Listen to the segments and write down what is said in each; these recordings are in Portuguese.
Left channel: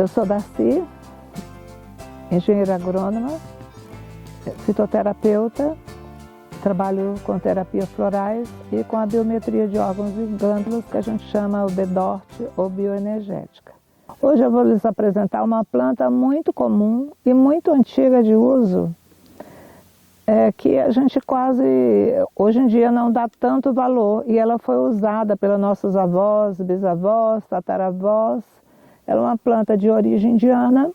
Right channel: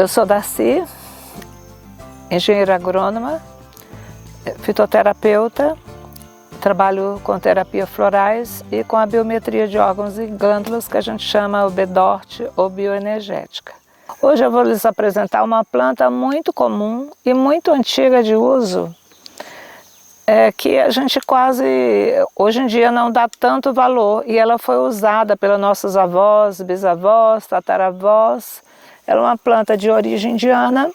Eu sou Darcy, engenheira agrônoma, fitoterapeuta, trabalho com terapia florais e com a biometria de órgãos e glândulas, que a gente chama o BDORT ou bioenergética. Hoje eu vou lhes apresentar uma planta muito comum e muito antiga de uso, que a gente quase, hoje em dia, não dá tanto valor, e ela foi usada pelas nossas avós, bisavós, tataravós. Ela é uma planta de origem indiana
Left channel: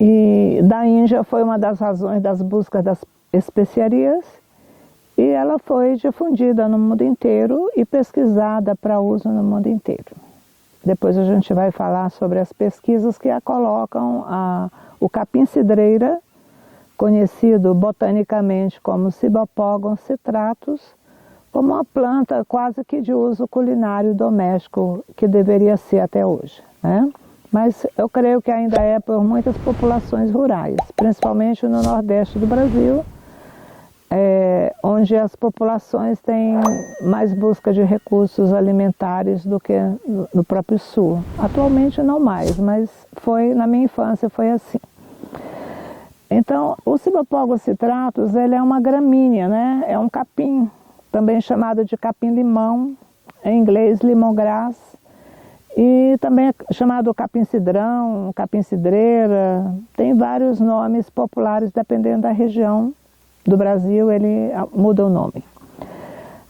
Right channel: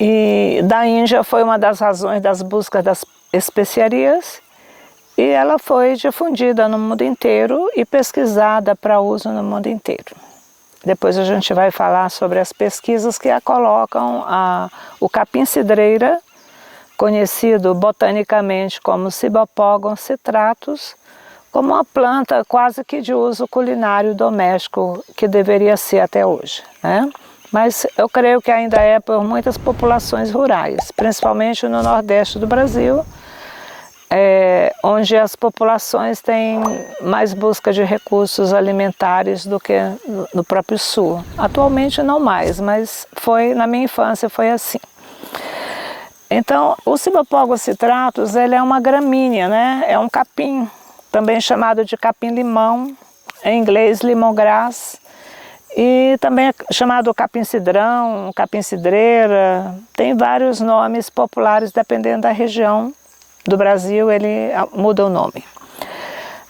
e da Índia foi uma das razões das buscas das especiarias, e ela foi difundida no mundo inteiro e pesquisada para uso no mundo inteiro. Depois a gente vai falar sobre as pesquisas que a colocam o capim-cidreira, conhecido botanicamente como Cibopogon citratus, como uma planta quase que de uso culinário doméstico, que deveria ser até hoje, né? Mas eu creio que ainda é por muitas populações rurais, principalmente no nordeste do Brasil, onde as populações têm mais busca de recursos alimentares do que no próprio sul. Atualmente não mais, mas na minha infância foi assim. Então, o Cibopogon citratus, ele é uma gramínea, né? É um capim, também chamado de capim-limão, em inglês lemongrass, e também é chamado capim-cidrão, capim-cidreira. Tem vários nomes populares, dependendo da região do Brasil, ele muda o nome.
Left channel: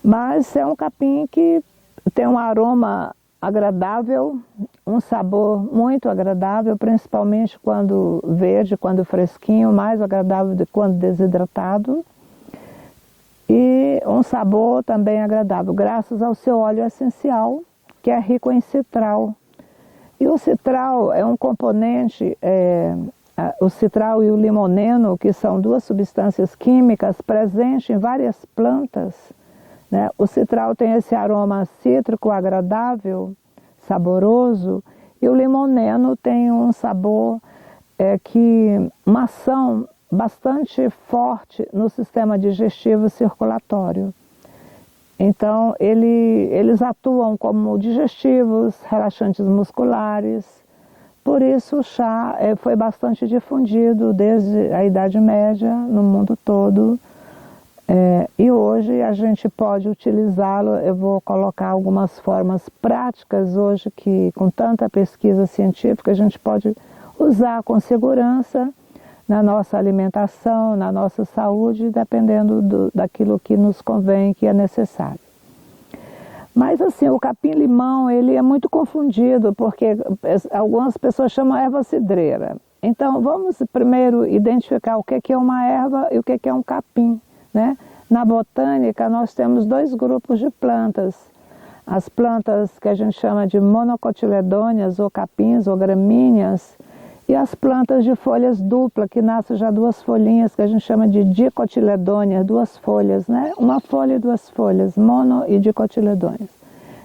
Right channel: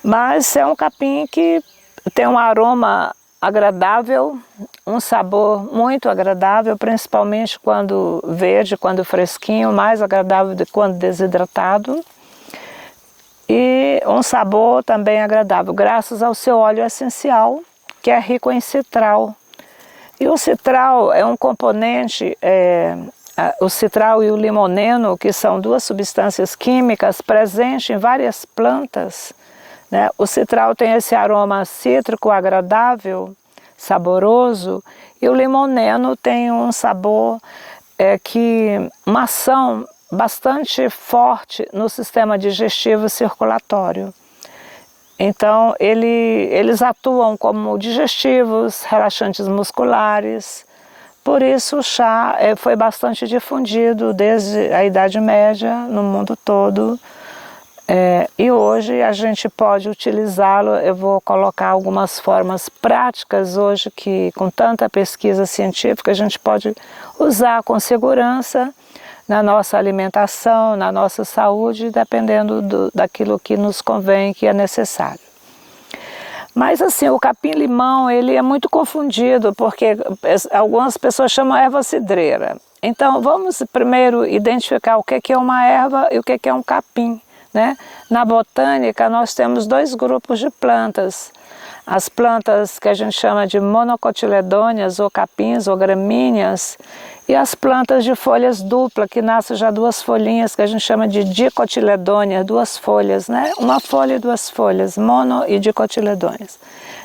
Mas é um capim que tem um aroma agradável, um sabor muito agradável, principalmente quando verde, quando fresquinho, mais agradável do que quando desidratado. E um sabor também agradável, graças ao seu óleo essencial, que é rico em citral. E o citral é um componente, o citral e o limoneno, que são duas substâncias químicas presentes em várias plantas, né? O citral tem esse aroma cítrico agradável, saboroso, e o limoneno tem um sabor, uma ação bastante forte no sistema digestivo circulatório. Então, eles atuam como digestivos, relaxantes musculares. Por isso o chá foi bastante difundido desde a Idade Média no mundo todo. E hoje a gente pode utilizá-lo. Eu vou colocar algumas formas práticas hoje que, com tanta pesquisa científica, a gente pode usar com segurança na nossa alimentação, na nossa saúde, dependendo daquilo que nos convém, que é necessário. Mas assim, o capim-limão, ele é muito confundido, porque algumas pessoas chamam erva cidreira. Então vamos primeiro identificar o que é uma erva e o que é um capim, né? Na botânica nós temos dois grupos de plantas. As plantas que a gente chama de monocotiledôneas, ou capins, ou gramíneas, e as plantas de folhas duplas, que nascem já duas folhinhas, que a gente chama de dicotiledôneas, duas folhas, né? Uma folha e duas folhas, mono e dicotiledôneas.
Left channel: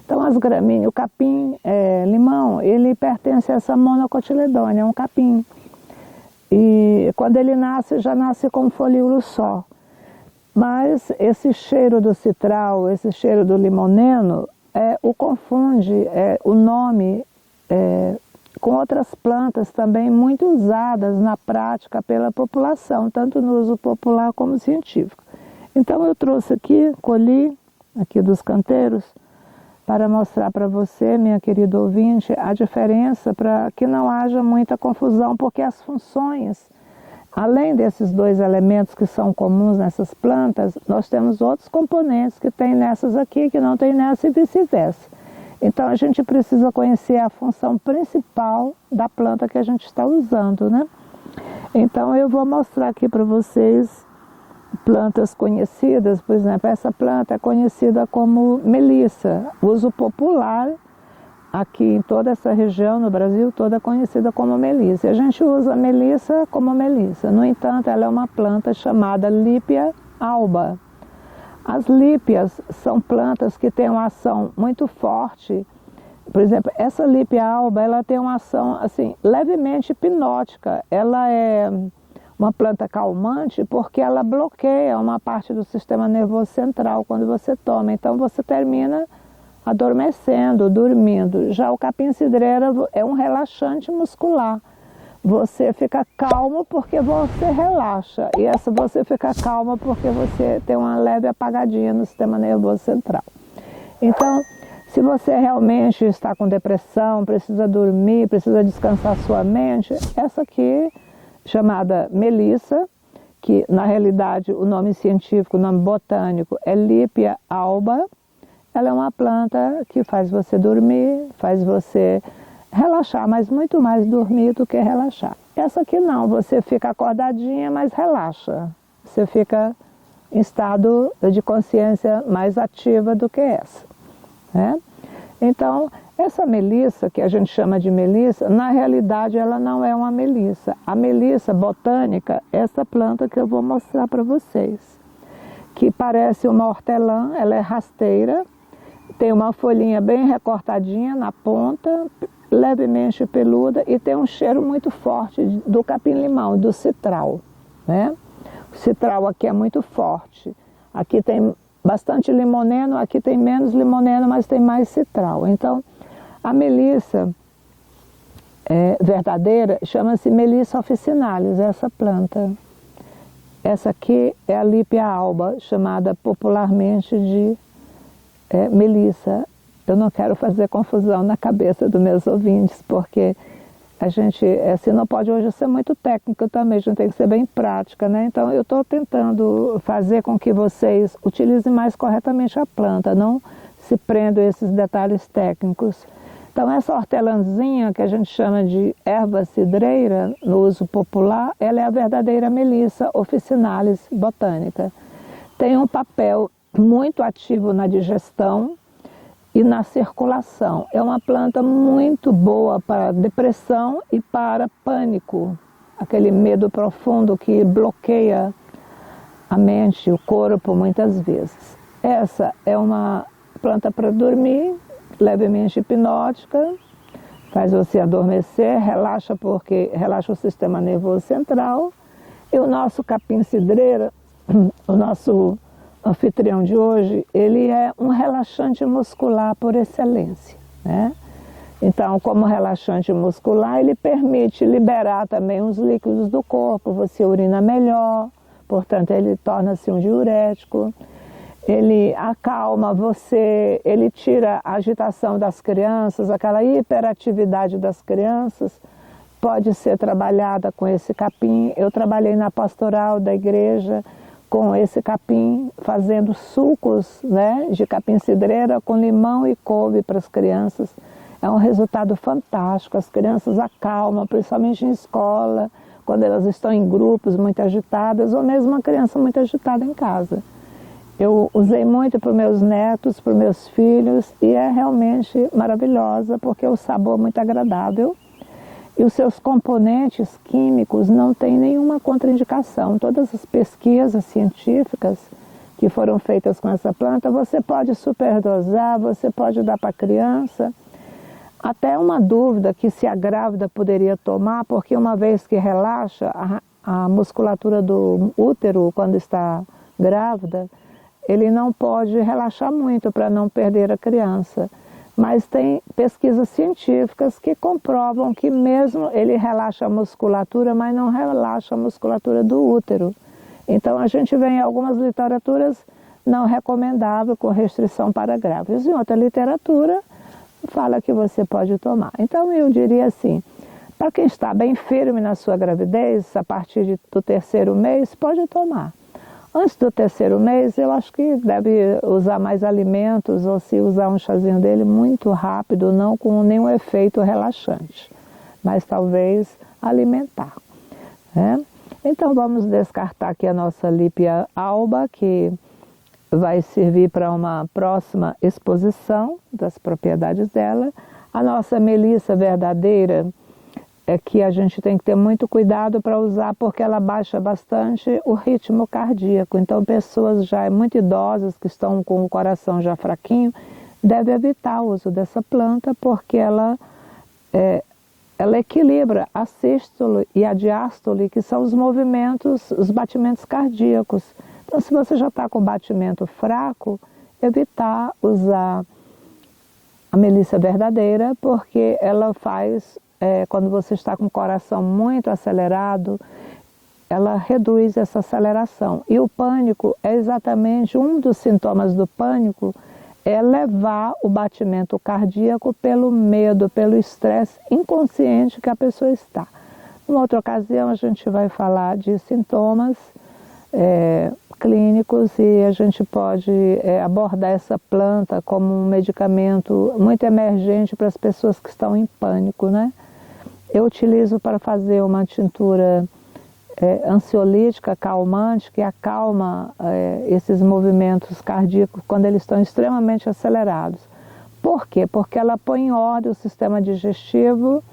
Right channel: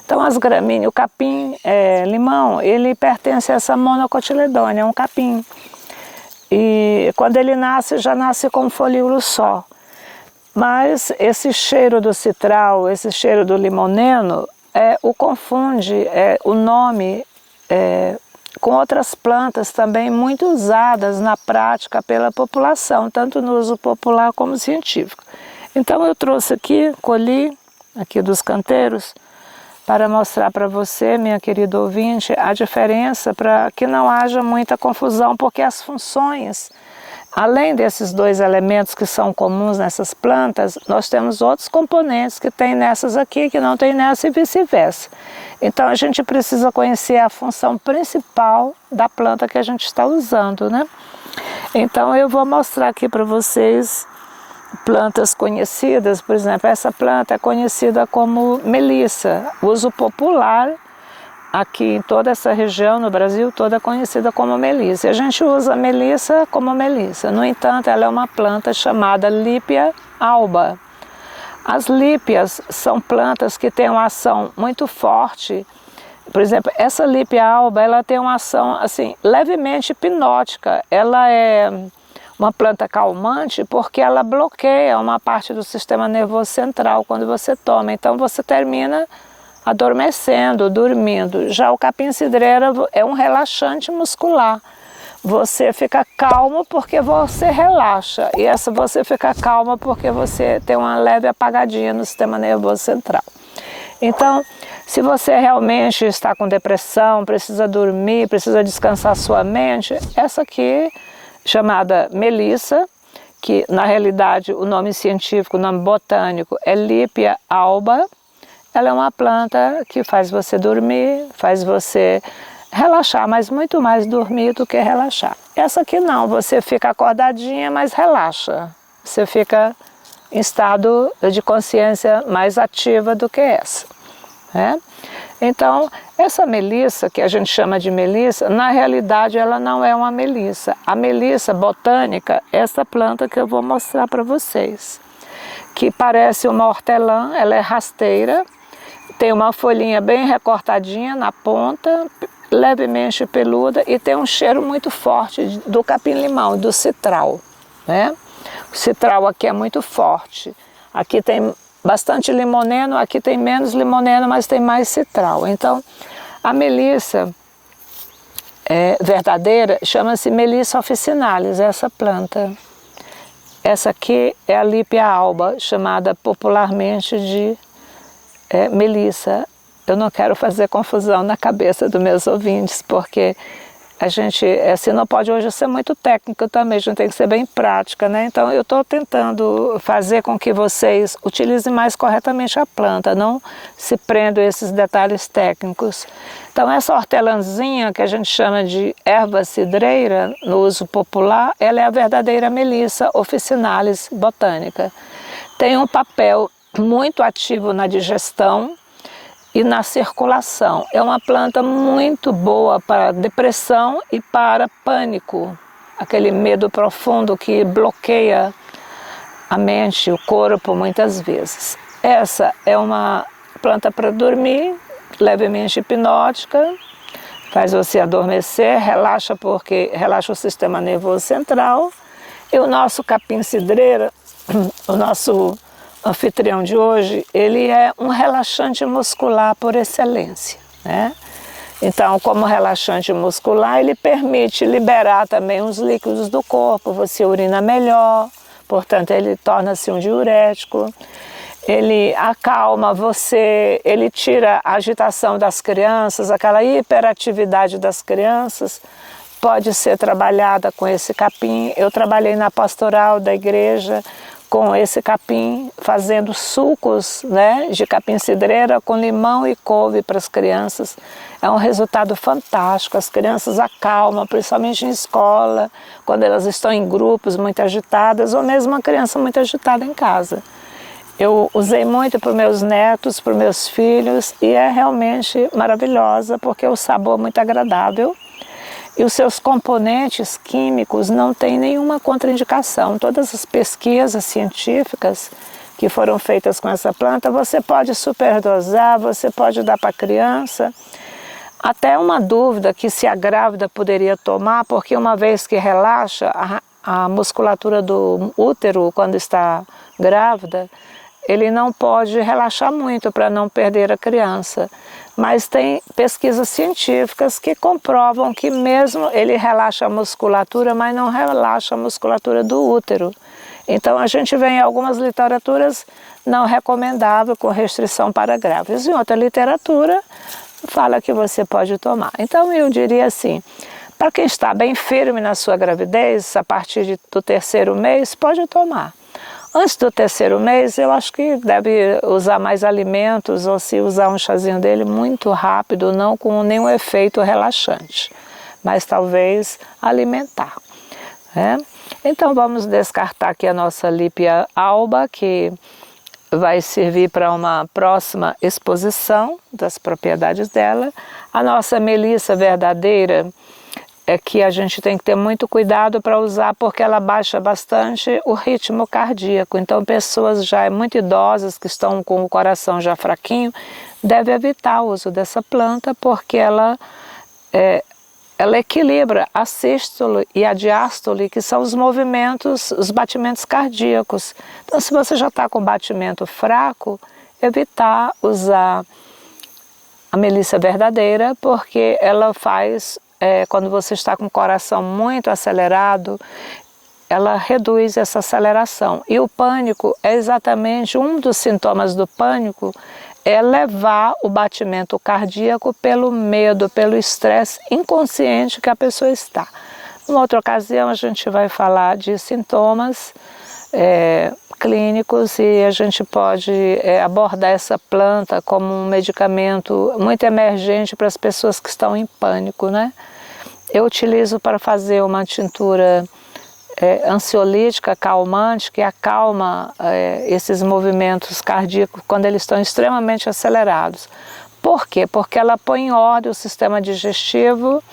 Então as gramíneas, o capim-limão, ele pertence a essa monocotiledônea, é um capim. E quando ele nasce, já nasce com um folíolo só. Mas esse cheiro do citral, esse cheiro do limoneno, o confunde, o nome, com outras plantas também muito usadas na prática pela população, tanto no uso popular como científico. Então eu trouxe aqui, colhi aqui dos canteiros, para mostrar para você, minha querida ouvinte, a diferença, para que não haja muita confusão, porque as funções, além desses dois elementos que são comuns nessas plantas, nós temos outros componentes que tem nessas aqui, que não tem nessa, e vice-versa. Então a gente precisa conhecer a função principal da planta que a gente está usando, né? Então eu vou mostrar aqui para vocês plantas conhecidas. Por exemplo, essa planta é conhecida como melissa. Uso popular aqui em toda essa região, no Brasil toda, é conhecida como melissa. E a gente usa a melissa como melissa. No entanto, ela é uma planta chamada Lípia alba. As lípias são plantas que têm uma ação muito forte. Por exemplo, essa Lípia alba, ela tem uma ação assim, levemente hipnótica. Ela é uma planta calmante porque ela bloqueia uma parte do sistema nervoso central quando você toma. Então você termina adormecendo, dormindo. Já o capim-cidreira é um relaxante muscular. Você fica calmo porque você relaxa. E essa você fica calma porque você tem uma leve apagadinha no sistema nervoso central. Então, se você realmente está com depressão, precisa dormir, precisa descansar sua mente, essa aqui, chamada melissa, que na realidade o nome científico, o nome botânico é Lipia alba, ela é uma planta que faz você dormir, faz você relaxar, mas muito mais dormir do que relaxar. Essa aqui não, você fica acordadinha, mas relaxa. Você fica em estado de consciência mais ativa do que essa. Né? Então, essa melissa, que a gente chama de melissa, na realidade ela não é uma melissa. A melissa botânica é essa planta que eu vou mostrar para vocês, que parece uma hortelã, ela é rasteira, tem uma folhinha bem recortadinha na ponta, levemente peluda e tem um cheiro muito forte do capim-limão, do citral. Né? O citral aqui é muito forte. Aqui tem bastante limoneno, aqui tem menos limoneno, mas tem mais citral. Então, a melissa verdadeira chama-se Melissa officinalis, essa planta. Essa aqui é a Lipia alba, chamada popularmente de melissa. Eu não quero fazer confusão na cabeça dos meus ouvintes, porque a gente, assim, não pode hoje ser muito técnico também, a gente tem que ser bem prática, né? Então eu estou tentando fazer com que vocês utilizem mais corretamente a planta, não se prendam a esses detalhes técnicos. Então essa hortelãzinha que a gente chama de erva cidreira, no uso popular, ela é a verdadeira Melissa officinalis botânica. Tem um papel muito ativo na digestão e na circulação. É uma planta muito boa para depressão e para pânico, aquele medo profundo que bloqueia a mente, o corpo muitas vezes. Essa é uma planta para dormir, levemente hipnótica, faz você adormecer, relaxa porque relaxa o sistema nervoso central. E o nosso capim-cidreira, o nosso anfitrião de hoje, ele é um relaxante muscular por excelência, né? Então, como relaxante muscular, ele permite liberar também os líquidos do corpo, você urina melhor, portanto, ele torna-se um diurético, ele acalma você, ele tira a agitação das crianças, aquela hiperatividade das crianças, pode ser trabalhada com esse capim. Eu trabalhei na pastoral da igreja, com esse capim, fazendo sucos, né, de capim-cidreira com limão e couve para as crianças. É um resultado fantástico, as crianças acalmam, principalmente em escola, quando elas estão em grupos muito agitadas, ou mesmo uma criança muito agitada em casa. Eu usei muito para os meus netos, para os meus filhos, e é realmente maravilhosa, porque o sabor é muito agradável. E os seus componentes químicos não têm nenhuma contraindicação. Todas as pesquisas científicas que foram feitas com essa planta, você pode superdosar, você pode dar para a criança. Até uma dúvida que se a grávida poderia tomar, porque uma vez que relaxa a musculatura do útero quando está grávida, ele não pode relaxar muito para não perder a criança. Mas tem pesquisas científicas que comprovam que mesmo ele relaxa a musculatura, mas não relaxa a musculatura do útero. Então a gente vê em algumas literaturas não recomendável, com restrição para grávidas. Em outra literatura fala que você pode tomar. Então eu diria assim, para quem está bem firme na sua gravidez, a partir do 3º mês, pode tomar. Antes do 3º mês, eu acho que deve usar mais alimentos, ou se usar um chazinho dele muito rápido, não com nenhum efeito relaxante, mas talvez alimentar. Né? Então vamos descartar aqui a nossa Lipia alba, que vai servir para uma próxima exposição das propriedades dela. A nossa melissa verdadeira é que a gente tem que ter muito cuidado para usar, porque ela baixa bastante o ritmo cardíaco. Então pessoas já muito idosas, que estão com o coração já fraquinho, devem evitar o uso dessa planta, porque ela equilibra a sístole e a diástole, que são os movimentos, os batimentos cardíacos. Então se você já está com batimento fraco, evitar usar a melissa verdadeira, porque ela faz, quando você está com o coração muito acelerado, ela reduz essa aceleração. E o pânico é exatamente um dos sintomas do pânico, é levar o batimento cardíaco pelo medo, pelo estresse inconsciente que a pessoa está. Numa outra ocasião a gente vai falar de sintomas clínicos e a gente pode abordar essa planta como um medicamento muito emergente para as pessoas que estão em pânico, né? Eu utilizo para fazer uma tintura ansiolítica, calmante, que acalma esses movimentos cardíacos quando eles estão extremamente acelerados. Por quê? Porque ela põe em ordem o sistema digestivo,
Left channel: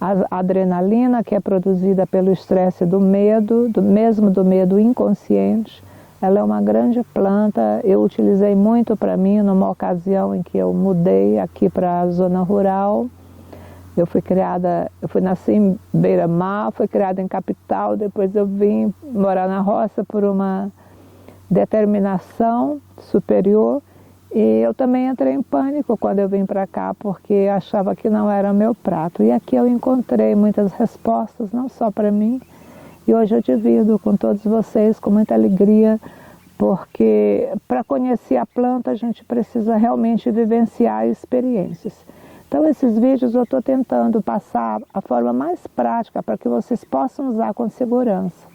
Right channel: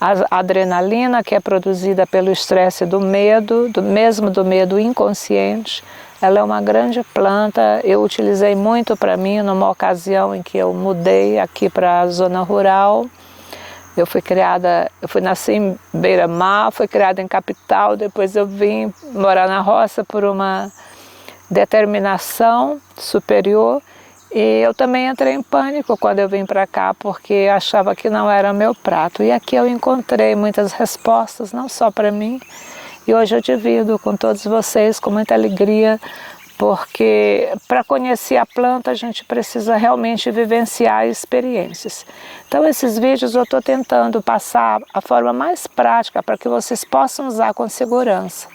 a adrenalina que é produzida pelo estresse do medo, mesmo do medo inconsciente. Ela é uma grande planta, eu utilizei muito para mim numa ocasião em que eu mudei aqui para a zona rural. Eu fui nasci em Beira-Mar, fui criada em capital, depois eu vim morar na roça por uma determinação superior e eu também entrei em pânico quando eu vim para cá, porque achava que não era meu prato. E aqui eu encontrei muitas respostas, não só para mim, e hoje eu divido com todos vocês com muita alegria, porque para conhecer a planta a gente precisa realmente vivenciar experiências. Então esses vídeos eu estou tentando passar a forma mais prática para que vocês possam usar com segurança.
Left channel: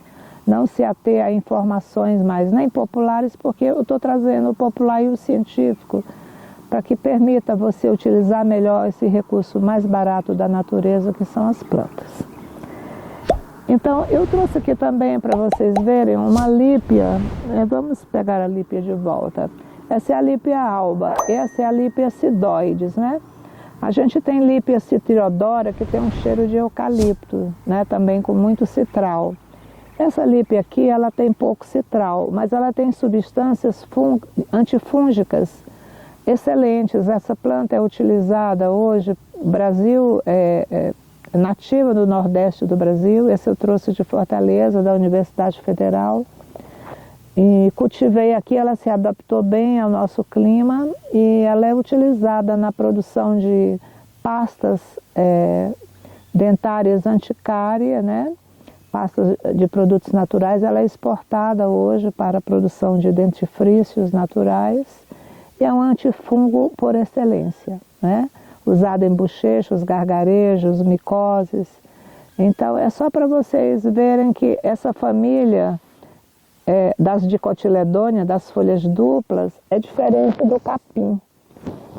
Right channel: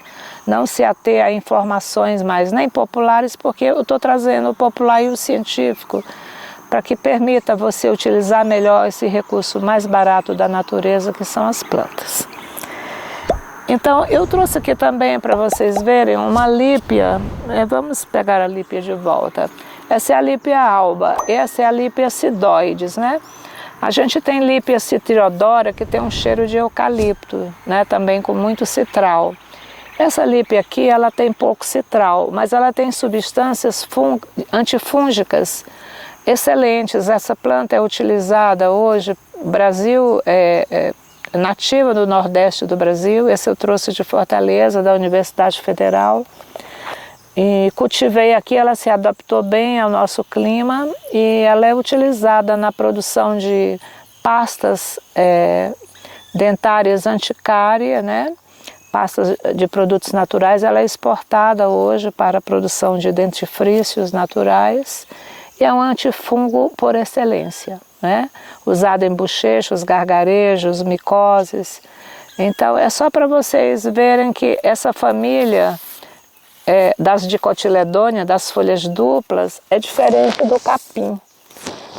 Não se ater a informações mais nem populares, porque eu estou trazendo o popular e o científico para que permita você utilizar melhor esse recurso mais barato da natureza, que são as plantas. Então eu trouxe aqui também para vocês verem uma lípia, vamos pegar a lípia de volta. Essa é a lípia alba, essa é a lípia sidoides, né? A gente tem lípia citriodora que tem um cheiro de eucalipto, né? Também com muito citral. Essa lípia aqui, ela tem pouco citral, mas ela tem substâncias antifúngicas excelentes. Essa planta é utilizada hoje, o Brasil nativa do Nordeste do Brasil, esse eu trouxe de Fortaleza, da Universidade Federal, e cultivei aqui, ela se adaptou bem ao nosso clima e ela é utilizada na produção de pastas dentárias anticária, né? Pastas de produtos naturais, ela é exportada hoje para a produção de dentifrícios naturais e é um antifungo por excelência, né? Usado em bochechos, gargarejos, micoses. Então é só para vocês verem que essa família das dicotiledôneas, das folhas duplas, é diferente do capim.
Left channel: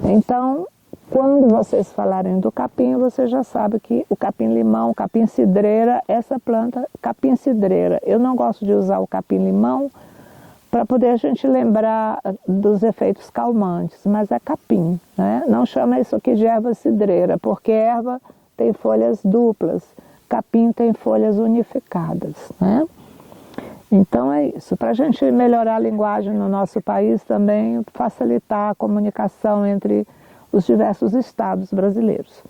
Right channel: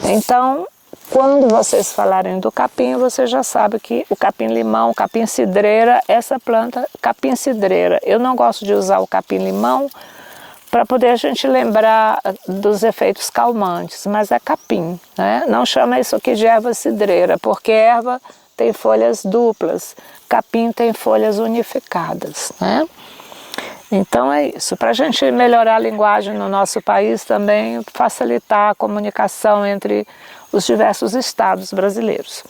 Então, quando vocês falarem do capim, você já sabe que o capim-limão, capim-cidreira, essa planta, capim-cidreira. Eu não gosto de usar o capim-limão para poder a gente lembrar dos efeitos calmantes, mas é capim, né? Não chama isso aqui de erva cidreira, porque erva tem folhas duplas, capim tem folhas unificadas, né? Então é isso, para a gente melhorar a linguagem no nosso país também, facilitar a comunicação entre os diversos estados brasileiros.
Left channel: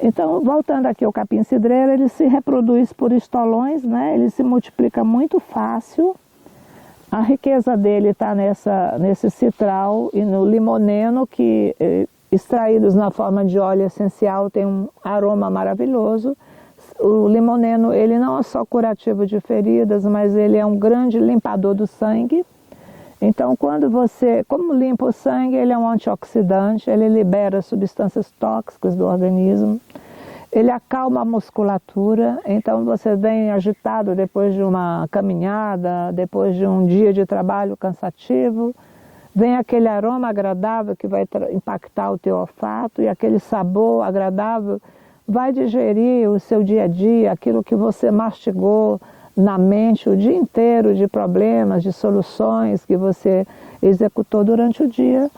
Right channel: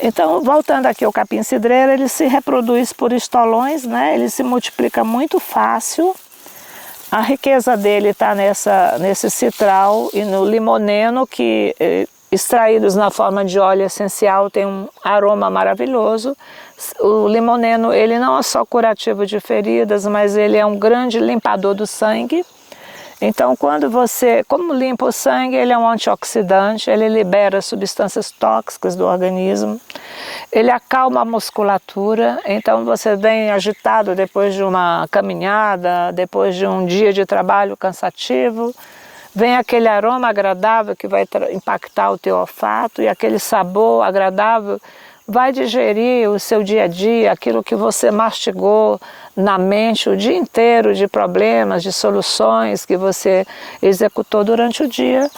Então, voltando aqui ao capim-cidreira, ele se reproduz por estolões, né? Ele se multiplica muito fácil. A riqueza dele está nesse citral e no limoneno, que extraídos na forma de óleo essencial tem um aroma maravilhoso. O limoneno, ele não é só curativo de feridas, mas ele é um grande limpador do sangue. Então, quando você, como limpa o sangue, ele é um antioxidante, ele libera substâncias tóxicas do organismo, ele acalma a musculatura. Então, você vem agitado depois de uma caminhada, depois de um dia de trabalho cansativo, vem aquele aroma agradável que vai impactar o teu olfato e aquele sabor agradável vai digerir o seu dia a dia, aquilo que você mastigou na mente o dia inteiro de problemas, de soluções que você executou durante o dia,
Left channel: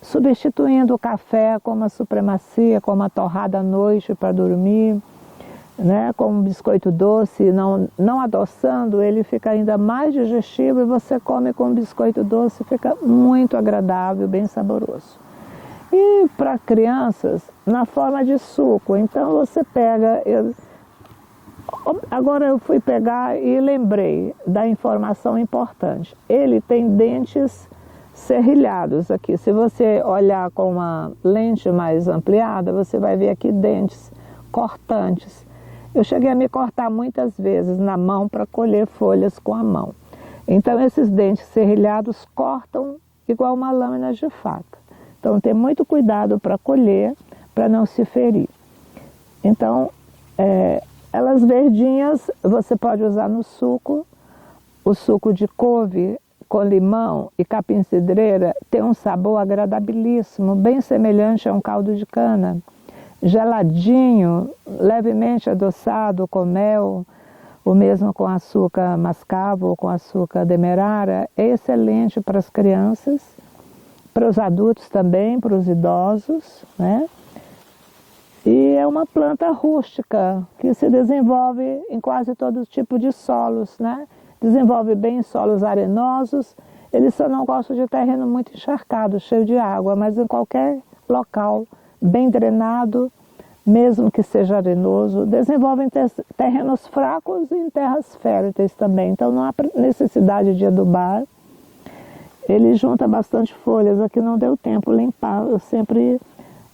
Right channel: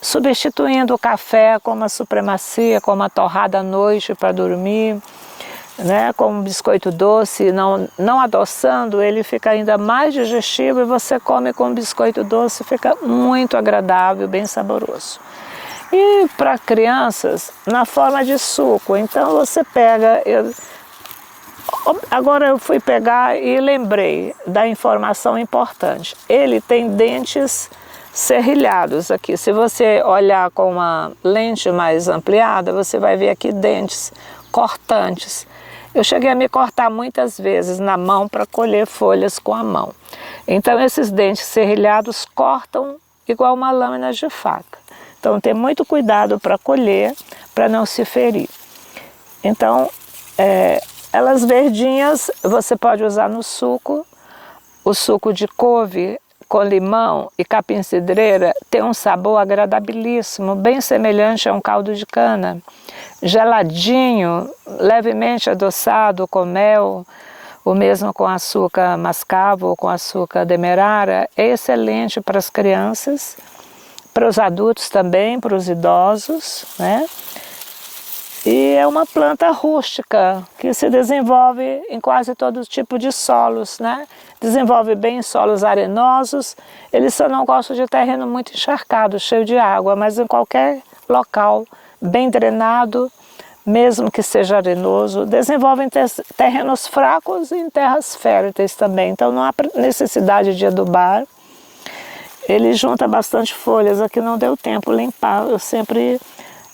substituindo o café com uma supremacia, com uma torrada à noite para dormir, né, com um biscoito doce, não adoçando, ele fica ainda mais digestivo e você come com um biscoito doce, fica muito agradável, bem saboroso. E para crianças, na forma de suco, então você pega... Agora eu fui pegar e lembrei da informação importante. Ele tem dentes serrilhados aqui. Se você olhar com uma lente mais ampliada, você vai ver aqui dentes cortantes. Eu cheguei a me cortar muitas vezes na mão para colher folhas com a mão. Então esses dentes serrilhados cortam igual uma lâmina de faca. Então tem muito cuidado para colher, para não se ferir. Então elas verdinhas você pode usar no suco. O suco de couve com limão e capim-cidreira tem um sabor agradabilíssimo, bem semelhante a um caldo de cana. Geladinho, levemente adoçado com mel, o mesmo com açúcar mascavo ou com açúcar demerara, é excelente para as crianças, para os adultos também, para os idosos, né? E é uma planta rústica que se desenvolve em quase todo tipo de solos, né? Desenvolve bem em solos arenosos, ele só não gosta de terreno muito encharcado, cheio de água, mas em qualquer local bem drenado, mesmo que seja arenoso, desenvolve em terrenos fracos e em terras férteis também, então não há necessidade de adubar. Ele junta bastante folhas, aqui não deu tempo limpar, eu sempre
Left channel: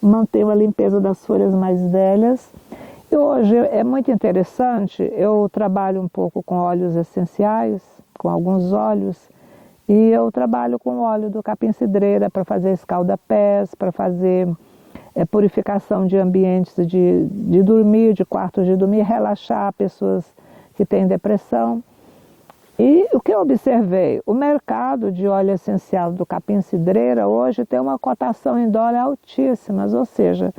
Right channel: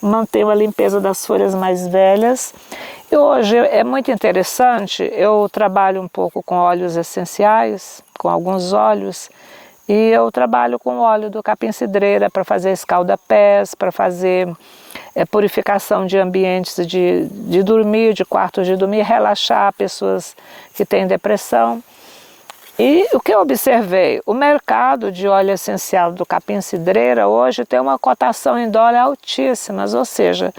mantenho a limpeza das folhas mais velhas. E hoje é muito interessante, eu trabalho um pouco com óleos essenciais, com alguns óleos, e eu trabalho com o óleo do capim-cidreira para fazer escalda-pés, para fazer purificação de ambientes de dormir, de quartos de dormir, relaxar pessoas que têm depressão. E o que eu observei? O mercado de óleo essencial do capim-cidreira hoje tem uma cotação em dólar altíssimas, ou seja,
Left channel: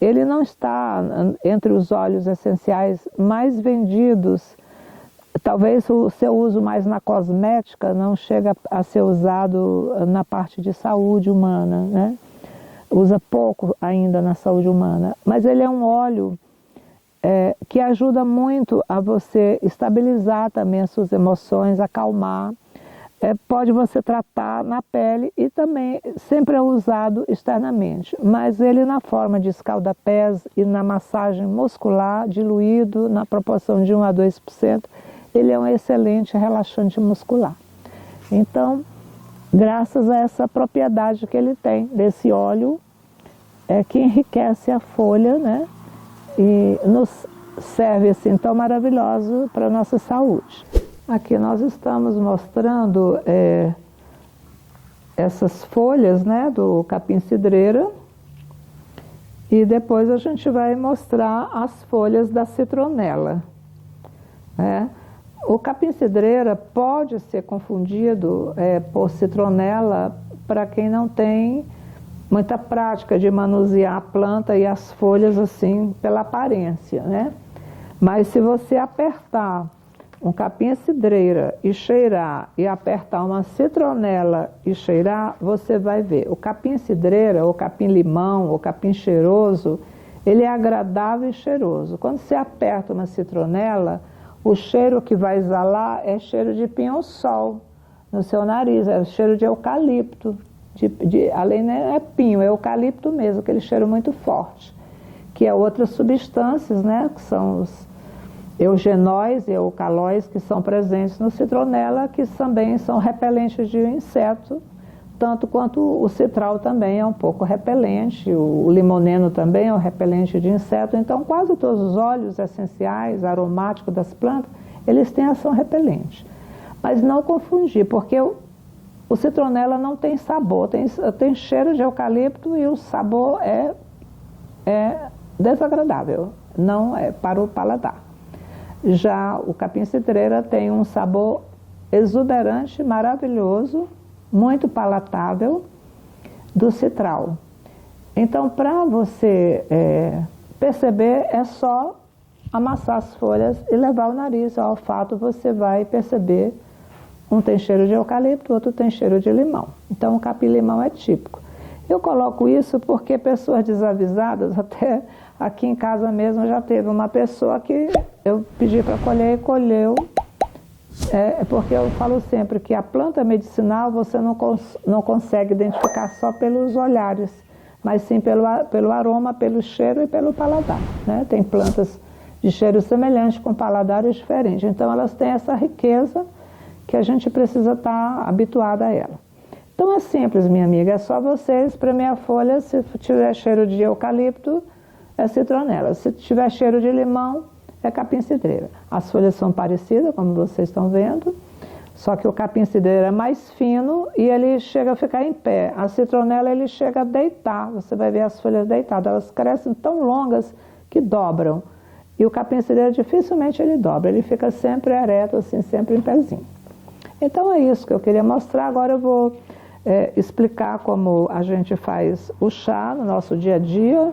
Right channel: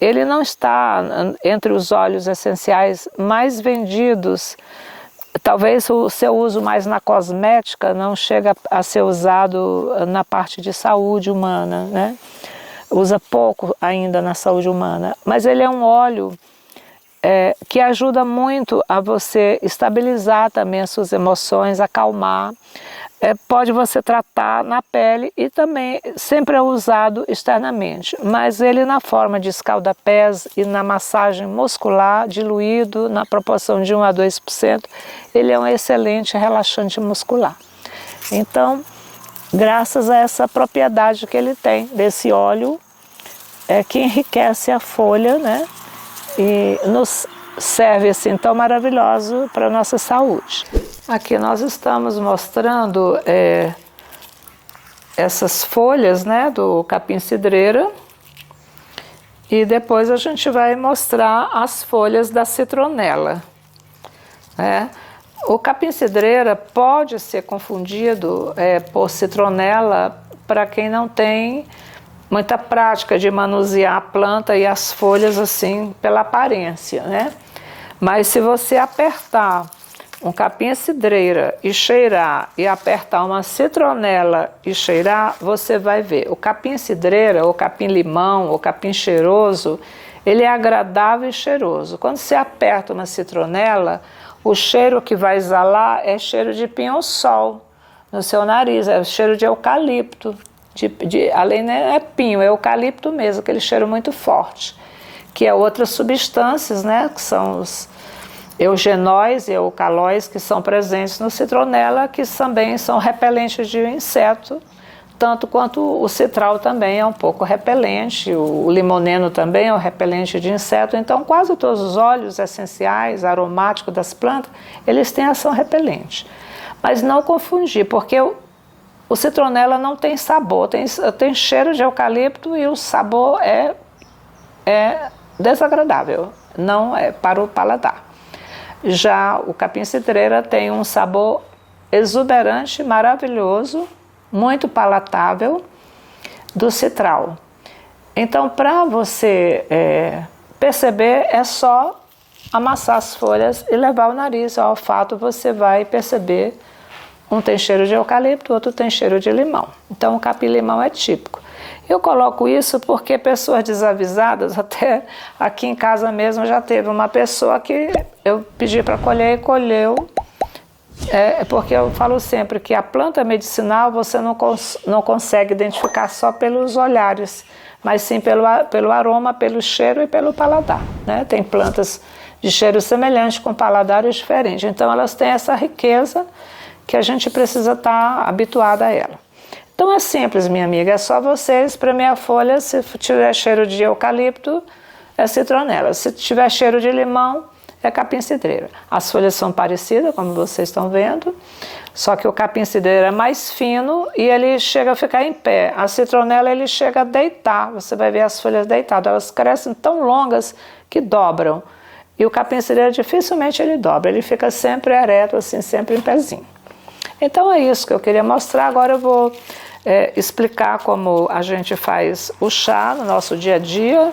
ele não está entre os óleos essenciais mais vendidos. Talvez o seu uso mais na cosmética não chega a ser usado na parte de saúde humana, né? Usa pouco ainda na saúde humana, mas ele é um óleo que ajuda muito a você estabilizar também as suas emoções, acalmar. Pode você tratar na pele e também sempre é usado externamente, mas ele na forma de escalda-pés e na massagem muscular, diluído na proporção de 1 a 2%, ele é um excelente relaxante muscular. Então, graças a essa propriedade que ele tem, desse óleo, que enriquece a folha, né? E nos serve assim tão maravilhoso para a nossa saúde. Aqui nós estamos mostrando essas folhas, né, do capim-cidreira, e depois a gente vai mostrar as folhas da citronela. O capim-cidreira pode ser confundido por citronela para quem não tem muita prática de manusear a planta e as folhas assim pela aparência, né? Mas se você apertar um capim-cidreira e cheirar, e apertar uma citronela e cheirar, você vai ver. O capim-cidreira, ou capim-limão, ou capim cheiroso, ele é agradável e cheiroso. Quando você aperta uma citronela, o cheiro que vai exalar é cheiro de pinho-sol no seu nariz, é o cheiro de eucalipto. Além não é pinho, é eucalipto mesmo, aquele cheiro muito forte, que é outras substâncias, né, que são os eugenóis e eucalóis que são presentes no citronela, que também são repelentes de inseto, tanto quanto o citral também é um pouco repelente, o limoneno também é um repelente de inseto. Então quase todos os óleos essenciais, aromáticos das plantas, eles têm ação repelente. Mas não confundir, porque o citronela não tem sabor, tem cheiro de eucalipto e o sabor é desagradável, não é para o paladar. Já o capim-cidreira tem um sabor exuberante, maravilhoso, muito palatável do citral. Então, para você perceber, é só amassar as folhas e levar o nariz ao olfato, você vai perceber. Um tem cheiro de eucalipto, outro tem cheiro de limão. Então, o capim-limão é típico. Eu coloco isso porque pessoas desavisadas, até aqui em casa mesmo já teve uma pessoa que eu pedi para colher e colheu. Porque eu falo sempre que a planta medicinal você não consegue identificar só pelos olhares, mas sim pelo aroma, pelo cheiro e pelo paladar, né? Tem plantas de cheiro semelhante com paladares diferentes. Então, elas têm essa riqueza que a gente precisa estar habituado a ela. Então é simples, minha amiga, é só você espremer a folha, se tiver cheiro de eucalipto, é citronela. Se tiver cheiro de limão, é capim-cidreira. As folhas são parecidas, como vocês estão vendo, só que o capim-cidreira é mais fino e ele chega a ficar em pé. A citronela, ele chega a deitar, você vai ver as folhas deitadas, elas crescem tão longas que dobram. E o capim-cidreira dificilmente ele dobra, ele fica sempre ereto, assim, sempre em pezinho. Então é isso que eu queria mostrar. Agora eu vou explicar como a gente faz o chá no nosso dia a dia.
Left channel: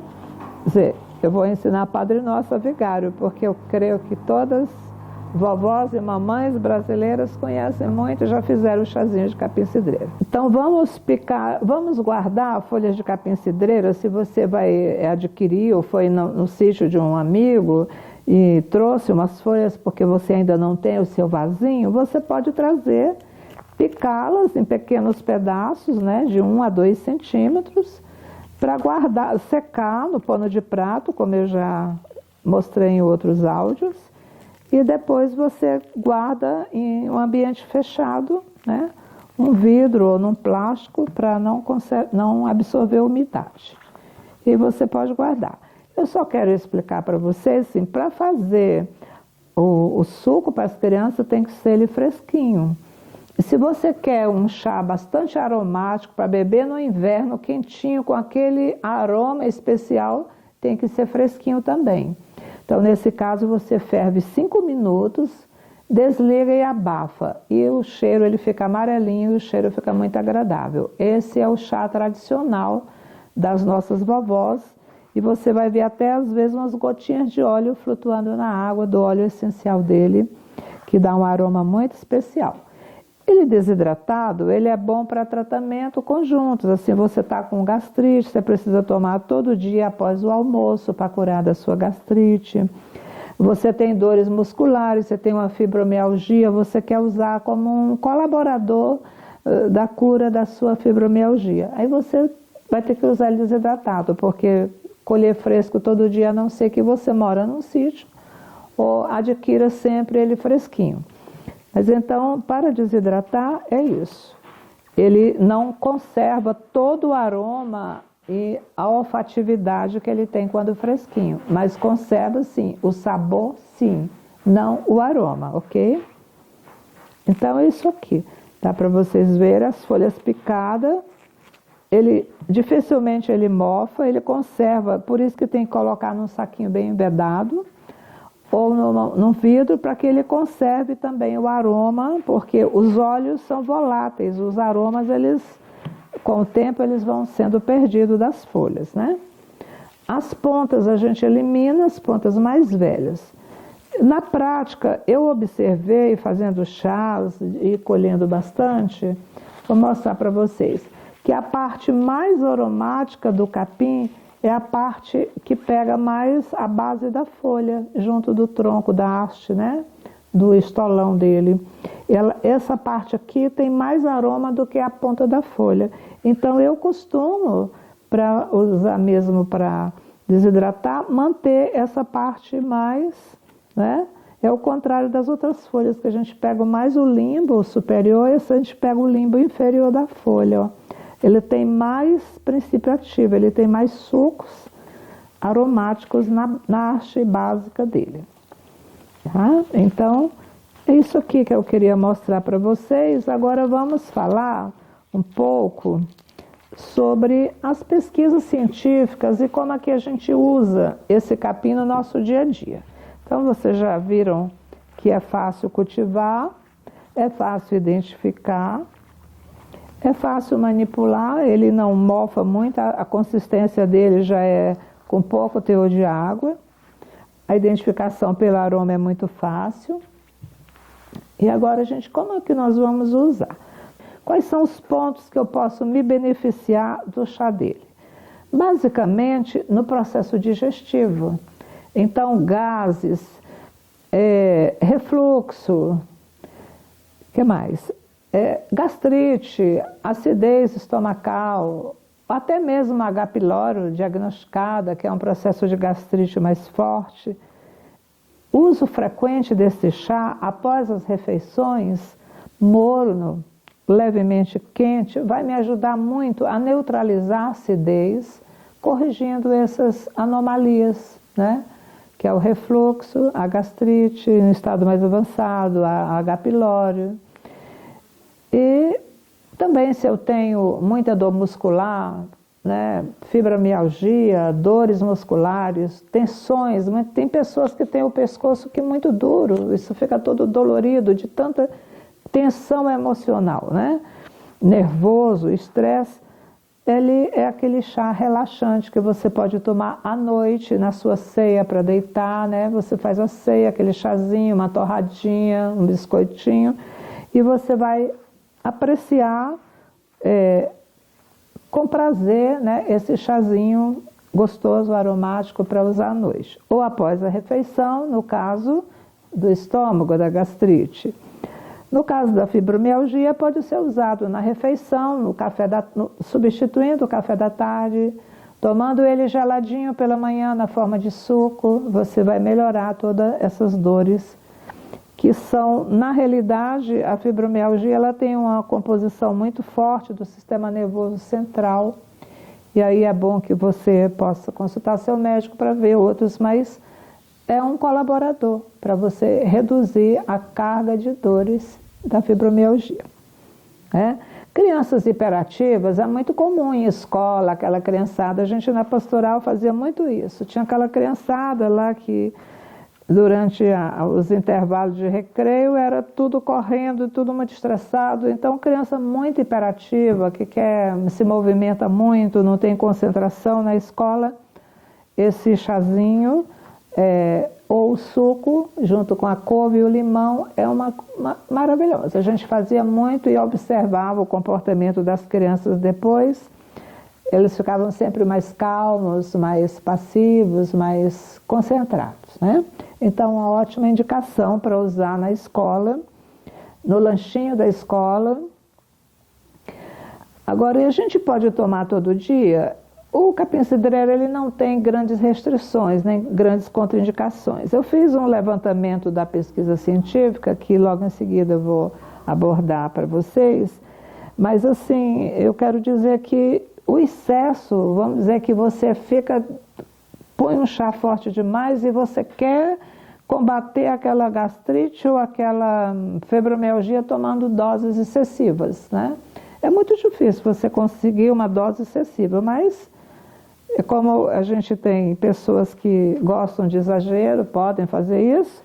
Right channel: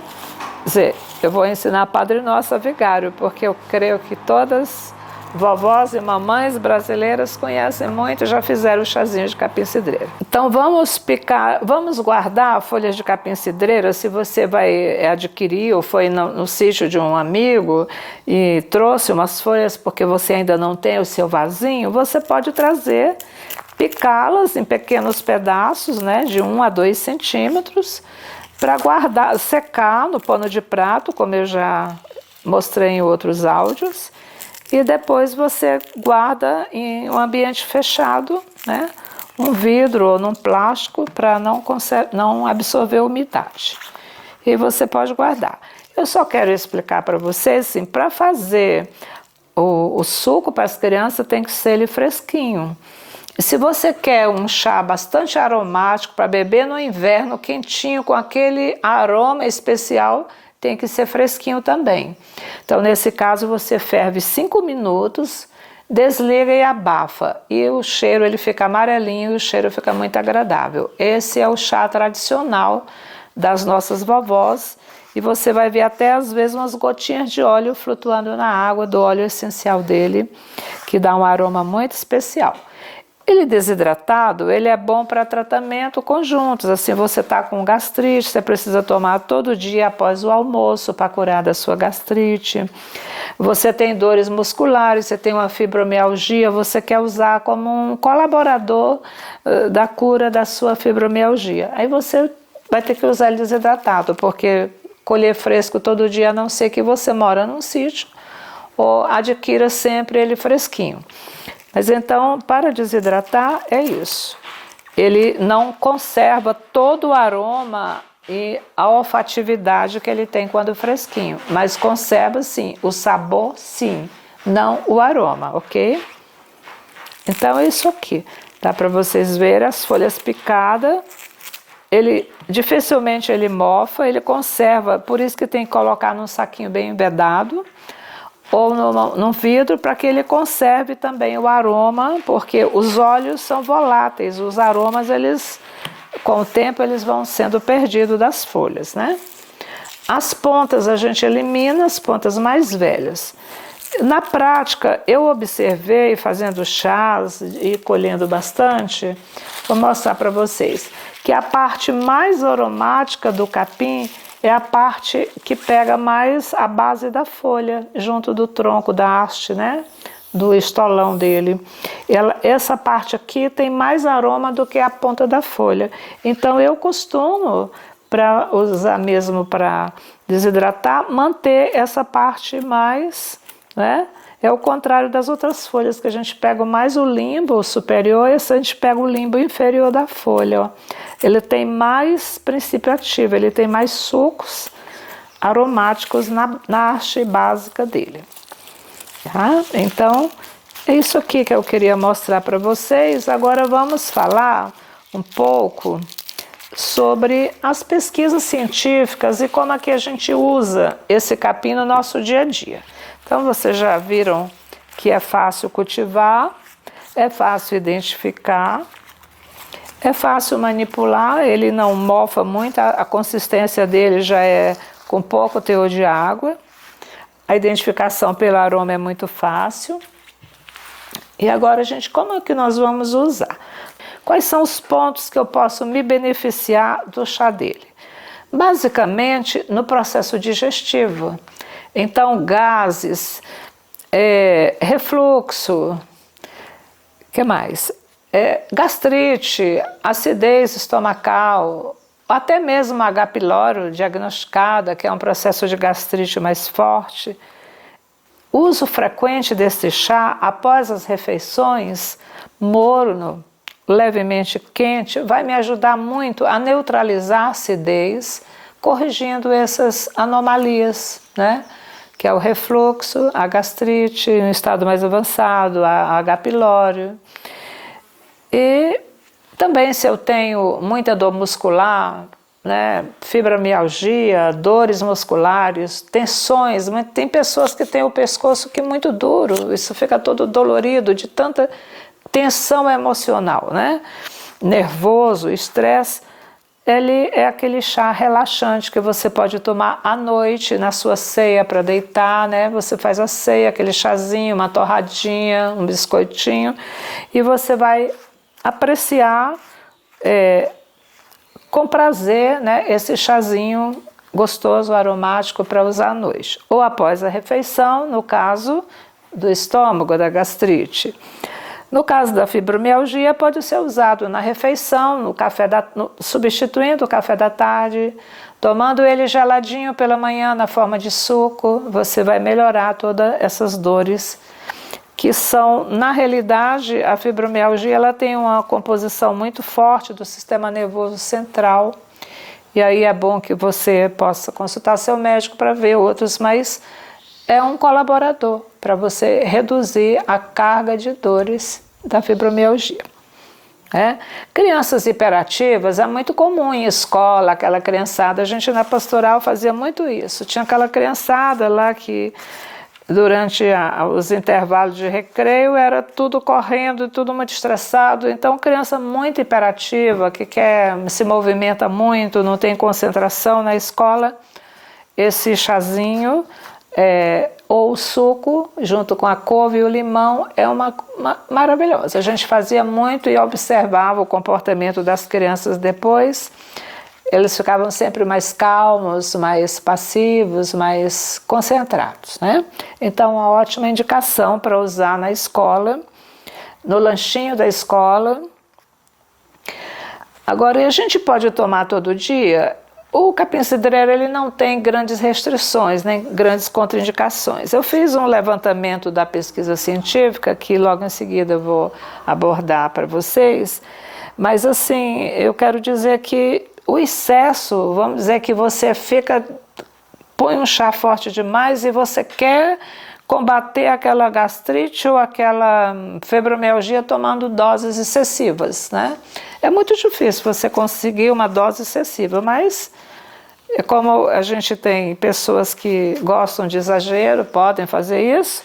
Quer dizer, eu vou ensinar Padre Nosso a Vigário, porque eu creio que todas vovós e mamães brasileiras conhecem muito, já fizeram o chazinho de capim-cidreira. Então vamos guardar folhas de capim-cidreira. Se você vai adquirir ou foi no sítio de um amigo e trouxe umas folhas porque você ainda não tem o seu vasinho, você pode trazer, picá-las em pequenos pedaços, né, de 1 a 2 centímetros, para guardar, secar no pano de prato, como eu já mostrei em outros áudios. E depois você guarda em um ambiente fechado, né? Um vidro ou num plástico para não absorver umidade. E você pode guardar. Eu só quero explicar para vocês, assim, para fazer o suco para as crianças tem que ser ele fresquinho. E se você quer um chá bastante aromático para beber no inverno, quentinho, com aquele aroma especial, tem que ser fresquinho também. Então, nesse caso, você ferve 5 minutos, desliga e abafa. E o cheiro ele fica amarelinho e o cheiro fica muito agradável. Esse é o chá tradicional das nossas vovós. E você vai ver até, às vezes, umas gotinhas de óleo flutuando na água, do óleo essencial dele, que dá um aroma muito especial. Ele desidratado, ele é bom para tratamento conjuntos, assim você está com gastrite, você precisa tomar todo dia após o almoço para curar da sua gastrite. Você tem dores musculares, você tem uma fibromialgia, você quer usar como um colaborador da cura da sua fibromialgia. Aí você vai ter que usar ele desidratado, porque colher fresco todo dia, a não ser que você mora num sítio, ou adquira sempre ele fresquinho. Mas então, para desidratar, é isso. Ele não conserva todo o aroma e a olfatividade que ele tem quando fresquinho, mas conserva, sim, o sabor, sim, não o aroma, ok? Então, é isso aqui. Dá para vocês verem as folhas picadas. Ele dificilmente ele mofa, ele conserva, por isso que tem que colocar num saquinho bem embedado, ou num vidro, para que ele conserve também o aroma, porque os óleos são voláteis, os aromas, eles, com o tempo, eles vão sendo perdidos das folhas, né? As pontas a gente elimina, as pontas mais velhas. Na prática, eu observei, fazendo chás e colhendo bastante, vou mostrar para vocês, que a parte mais aromática do capim é a parte que pega mais a base da folha, junto do tronco, da haste, né? Do estolão dele. Essa parte aqui tem mais aroma do que a ponta da folha. Então eu costumo, para usar mesmo para desidratar, manter essa parte mais, né? É o contrário das outras folhas, que a gente pega mais o limbo superior, esse a gente pega o limbo inferior da folha, ó. Ele tem mais princípio ativo, ele tem mais sucos aromáticos na haste básica dele. Tá? Então, é isso aqui que eu queria mostrar para vocês. Agora vamos falar um pouco sobre as pesquisas científicas e como é que a gente usa esse capim no nosso dia a dia. Então, vocês já viram que é fácil cultivar, é fácil identificar, é fácil manipular, ele não mofa muito, a consistência dele já é com pouco teor de água. A identificação pelo aroma é muito fácil. E agora, gente, como é que nós vamos usar? Quais são os pontos que eu posso me beneficiar do chá dele? Basicamente, no processo digestivo. Então, gases, refluxo, que mais? Gastrite, acidez estomacal, até mesmo H. pylori diagnosticada, que é um processo de gastrite mais forte. Uso frequente deste chá após as refeições, morno, levemente quente vai me ajudar muito a neutralizar a acidez, corrigindo essas anomalias, né? Que é o refluxo, a gastrite, no estado mais avançado, a H. pylori. E também se eu tenho muita dor muscular, né, fibromialgia, dores musculares, tensões, tem pessoas que têm o pescoço que é muito duro, isso fica todo dolorido de tanta tensão emocional, né? Nervoso, estresse. Ele é aquele chá relaxante que você pode tomar à noite na sua ceia para deitar, né? Você faz a ceia, aquele chazinho, uma torradinha, um biscoitinho, e você vai apreciar com prazer, né, esse chazinho gostoso, aromático para usar à noite. Ou após a refeição, no caso do estômago, da gastrite. No caso da fibromialgia, pode ser usado na refeição, substituindo o café da tarde, tomando ele geladinho pela manhã na forma de suco, você vai melhorar todas essas dores que são, na realidade, a fibromialgia ela tem uma composição muito forte do sistema nervoso central, e aí é bom que você possa consultar seu médico para ver outros, mas é um colaborador para você reduzir a carga de dores da fibromialgia. Crianças hiperativas é muito comum em escola, aquela criançada, a gente na pastoral fazia muito isso, tinha aquela criançada lá que durante os intervalos de recreio era tudo correndo, tudo muito estressado, então criança muito hiperativa, que se movimenta muito, não tem concentração na escola, esse chazinho ou o suco, junto com a couve e o limão, é uma maravilhosa. A gente fazia muito e observava o comportamento das crianças depois. Eles ficavam sempre mais calmos, mais passivos, mais concentrados, né? Então, uma ótima indicação para usar na escola, no lanchinho da escola. Agora, a gente pode tomar todo dia? O capim-cidreira ele não tem grandes restrições, nem grandes contraindicações. Eu fiz um levantamento da pesquisa científica, que logo em seguida eu vou abordar para vocês, mas assim, eu quero dizer que o excesso, vamos dizer que você põe um chá forte demais e você quer combater aquela gastrite ou aquela fibromialgia tomando doses excessivas, né? É muito difícil você conseguir uma dose excessiva, mas como a gente tem pessoas que gostam de exagero, podem fazer isso,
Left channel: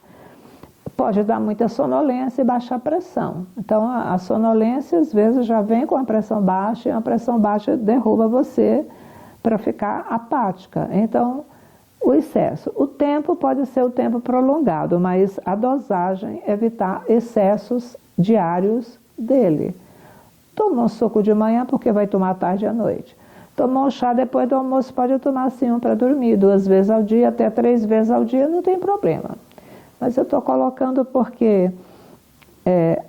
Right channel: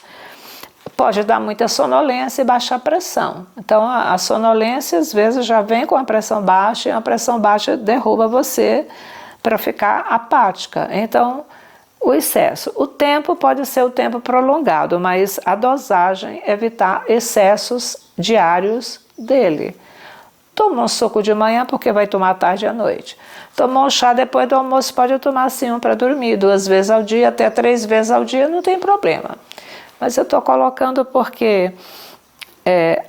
pode dar muita sonolência e baixar a pressão. Então a sonolência às vezes já vem com a pressão baixa e a pressão baixa derruba você para ficar apática. Então o excesso, o tempo pode ser o tempo prolongado, mas a dosagem, evitar excessos diários dele. Toma um suco de manhã porque vai tomar à tarde e à noite. Tomou um chá depois do almoço, pode tomar assim um para dormir, 2 vezes ao dia, até 3 vezes ao dia, não tem problema. Mas eu estou colocando porque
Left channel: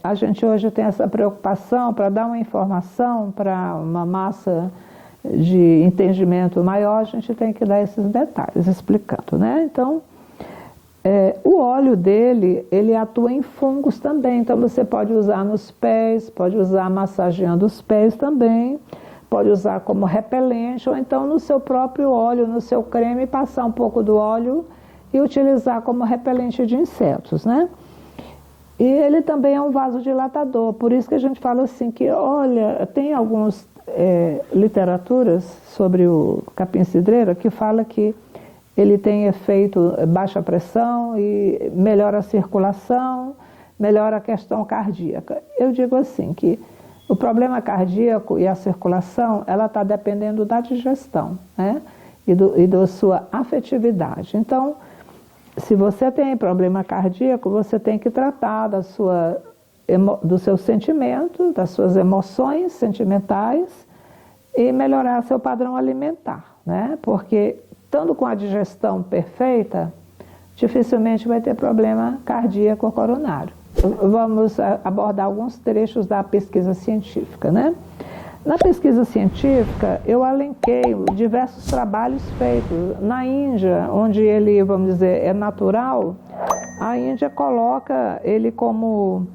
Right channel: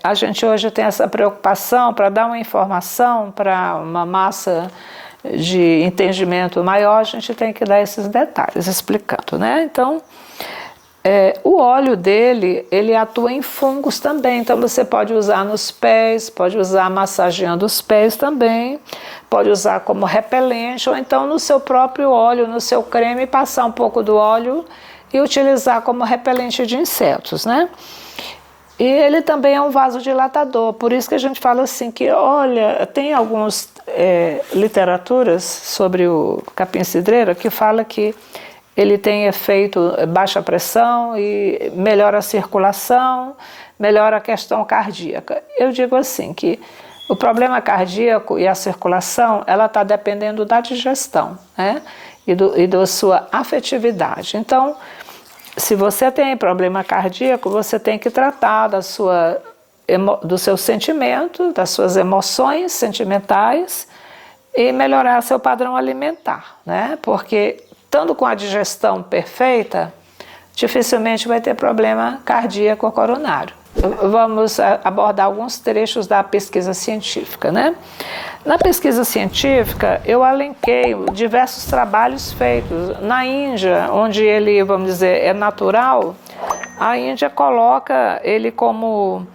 a gente hoje tem essa preocupação para dar uma informação para uma massa de entendimento maior, a gente tem que dar esses detalhes explicando, né? Então, o óleo dele, ele atua em fungos também, então você pode usar nos pés, pode usar massageando os pés também, pode usar como repelente, ou então no seu próprio óleo, no seu creme, passar um pouco do óleo e utilizar como repelente de insetos, né? E ele também é um vasodilatador, por isso que a gente fala assim que, olha, tem algumas literaturas sobre o capim-cidreira que fala que ele tem efeito baixa pressão e melhora a circulação, melhora a questão cardíaca. Eu digo assim que o problema cardíaco e a circulação, ela está dependendo da digestão, né? E da sua afetividade. Então, se você tem problema cardíaco, você tem que tratar do seu sentimento, das suas emoções sentimentais e melhorar seu padrão alimentar, né? Porque estando com a digestão perfeita, dificilmente vai ter problema cardíaco ou coronário. Vamos abordar alguns trechos da pesquisa científica, né? Na pesquisa científica, eu alenquei diversos trabalhos feitos. Na Índia, onde ele, vamos dizer, é natural, a Índia coloca ele como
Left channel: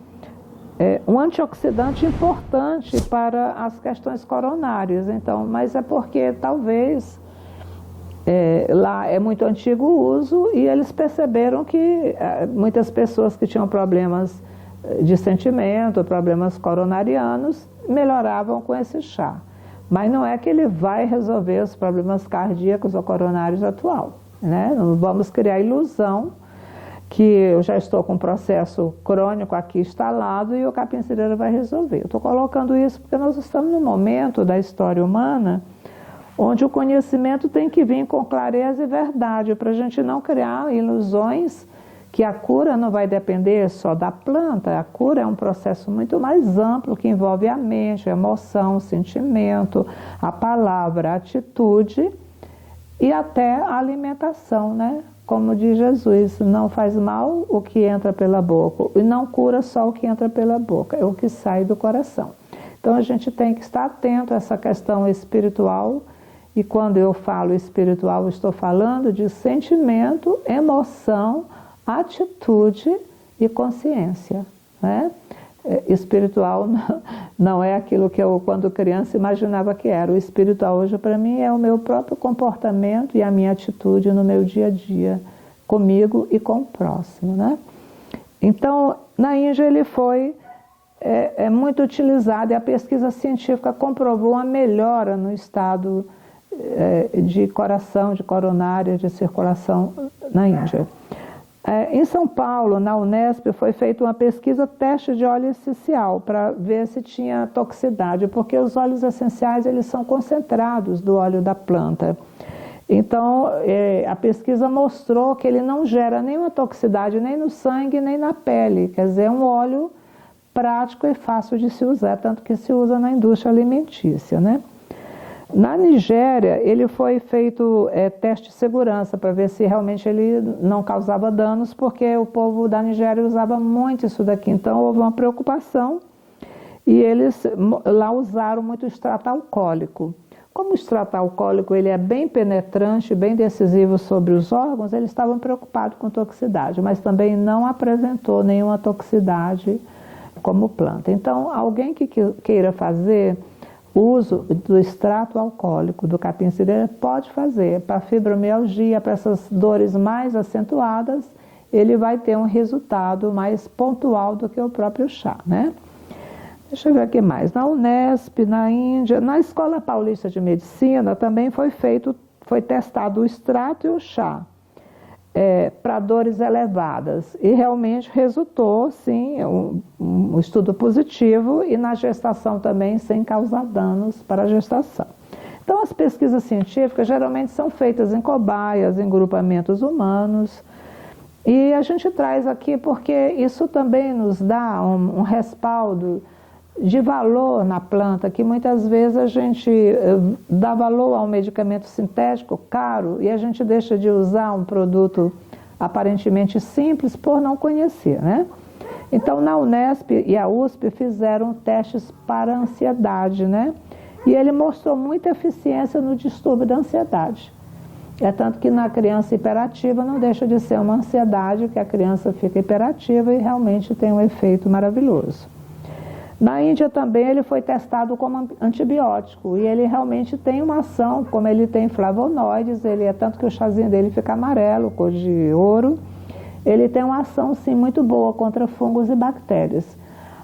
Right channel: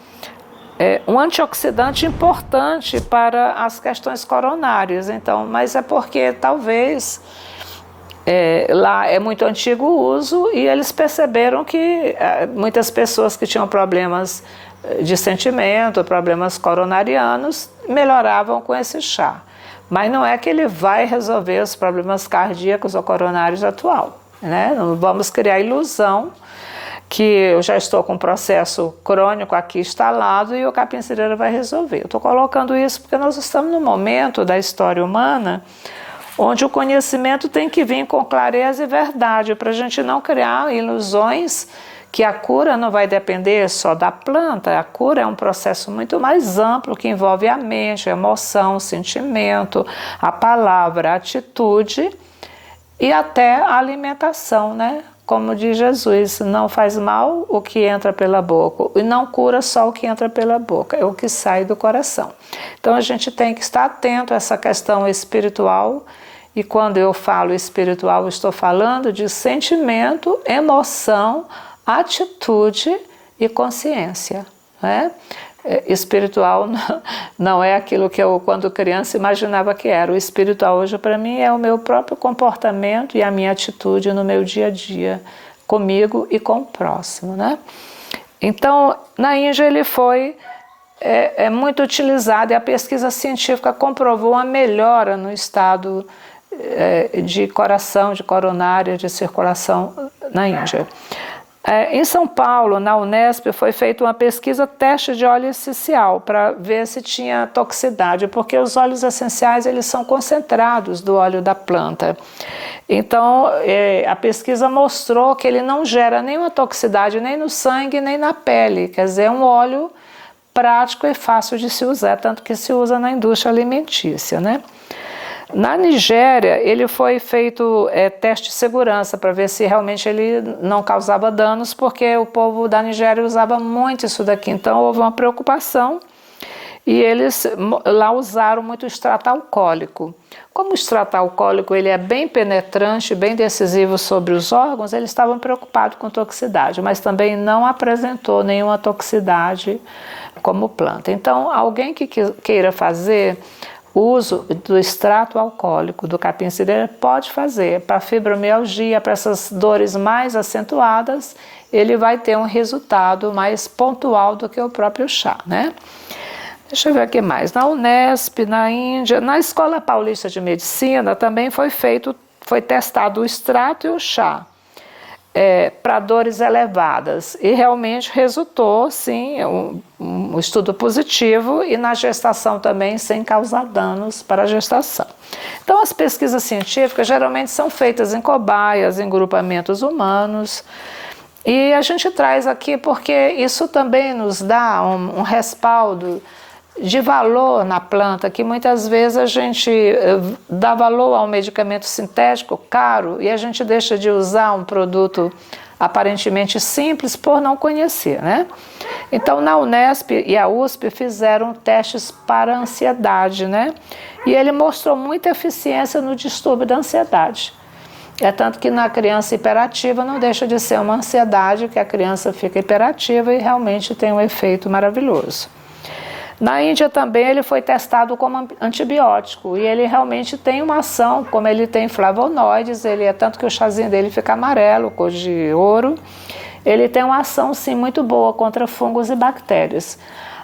um antioxidante importante para as questões coronárias. Então, mas é porque talvez lá é muito antigo o uso e eles perceberam que muitas pessoas que tinham problemas de sentimento, problemas coronarianos, melhoravam com esse chá. Mas não é que ele vai resolver os problemas cardíacos ou coronários atual, né? Não vamos criar ilusão que eu já estou com um processo crônico aqui instalado e o capim-cireira vai resolver. Eu estou colocando isso porque nós estamos num momento da história humana onde o conhecimento tem que vir com clareza e verdade, para a gente não criar ilusões que a cura não vai depender só da planta. A cura é um processo muito mais amplo que envolve a mente, a emoção, o sentimento, a palavra, a atitude e até a alimentação, né? Como diz Jesus, não faz mal o que entra pela boca e não cura só o que entra pela boca, é o que sai do coração. Então a gente tem que estar atento a essa questão espiritual. E quando eu falo espiritual, eu estou falando de sentimento, emoção, atitude e consciência, né? Espiritual não é aquilo que eu, quando criança, imaginava que era. O espiritual hoje, para mim, é o meu próprio comportamento e a minha atitude no meu dia a dia, comigo e com o próximo, né? Então, na Índia ele foi muito utilizado e a pesquisa científica comprovou a melhora no estado de coração, de coronária, de circulação na Índia. Em São Paulo, na Unesp, foi feita uma pesquisa teste de óleo essencial para ver se tinha toxicidade, porque os óleos essenciais eles são concentrados do óleo da planta. Então, a pesquisa mostrou que ele não gera nenhuma toxicidade nem no sangue nem na pele, quer dizer, é um óleo prático e fácil de se usar, tanto que se usa na indústria alimentícia, né? Na Nigéria, ele foi feito teste de segurança para ver se realmente ele não causava danos, porque o povo da Nigéria usava muito isso daqui. Então, houve uma preocupação e eles lá usaram muito extrato alcoólico. Como o extrato alcoólico ele é bem penetrante, bem decisivo sobre os órgãos, eles estavam preocupados com toxicidade, mas também não apresentou nenhuma toxicidade como planta. Então, alguém que queira fazer o uso do extrato alcoólico do capim-cireira pode fazer para fibromialgia, para essas dores mais acentuadas, ele vai ter um resultado mais pontual do que o próprio chá, né? Deixa eu ver aqui mais. Na Unesp, na Índia, na Escola Paulista de Medicina também foi testado o extrato e o chá para dores elevadas e realmente resultou, sim, um estudo positivo e na gestação também sem causar danos para a gestação. Então as pesquisas científicas geralmente são feitas em cobaias, em grupamentos humanos e a gente traz aqui porque isso também nos dá um respaldo de valor na planta, que muitas vezes a gente dá valor a um medicamento sintético caro e a gente deixa de usar um produto aparentemente simples por não conhecer, né? Então, na Unesp e a USP fizeram testes para ansiedade, né? E ele mostrou muita eficiência no distúrbio da ansiedade. É tanto que na criança hiperativa não deixa de ser uma ansiedade, que a criança fica hiperativa e realmente tem um efeito maravilhoso. Na Índia também ele foi testado como antibiótico e ele realmente tem uma ação, como ele tem flavonoides, ele é tanto que o chazinho dele fica amarelo, cor de ouro, ele tem uma ação sim muito boa contra fungos e bactérias.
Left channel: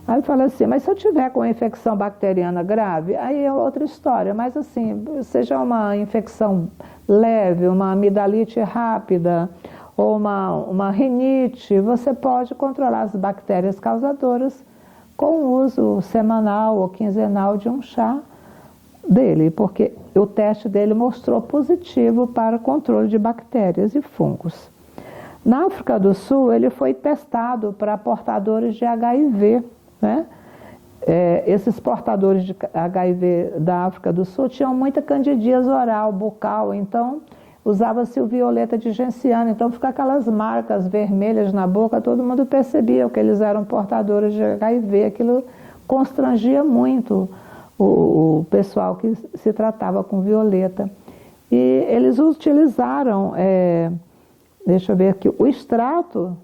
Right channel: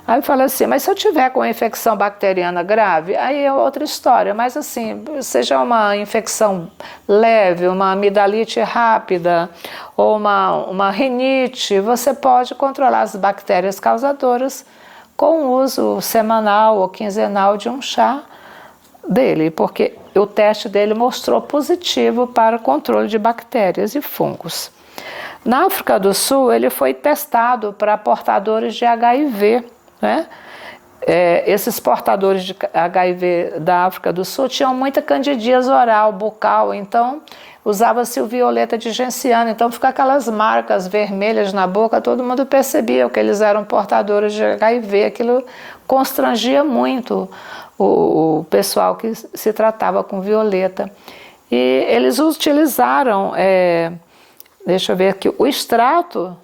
Aí eu falo assim, mas se eu tiver com uma infecção bacteriana grave, aí é outra história, mas assim, seja uma infecção leve, uma amidalite rápida ou uma rinite, você pode controlar as bactérias causadoras com o uso semanal ou quinzenal de um chá dele, porque o teste dele mostrou positivo para o controle de bactérias e fungos. Na África do Sul, ele foi testado para portadores de HIV, né? Esses portadores de HIV da África do Sul tinham muita candidíase oral, bucal, então usava-se o violeta de genciana, então fica aquelas marcas vermelhas na boca, todo mundo percebia que eles eram portadores de HIV, aquilo constrangia muito o pessoal que se tratava com violeta. E eles utilizaram, deixa eu ver aqui, o extrato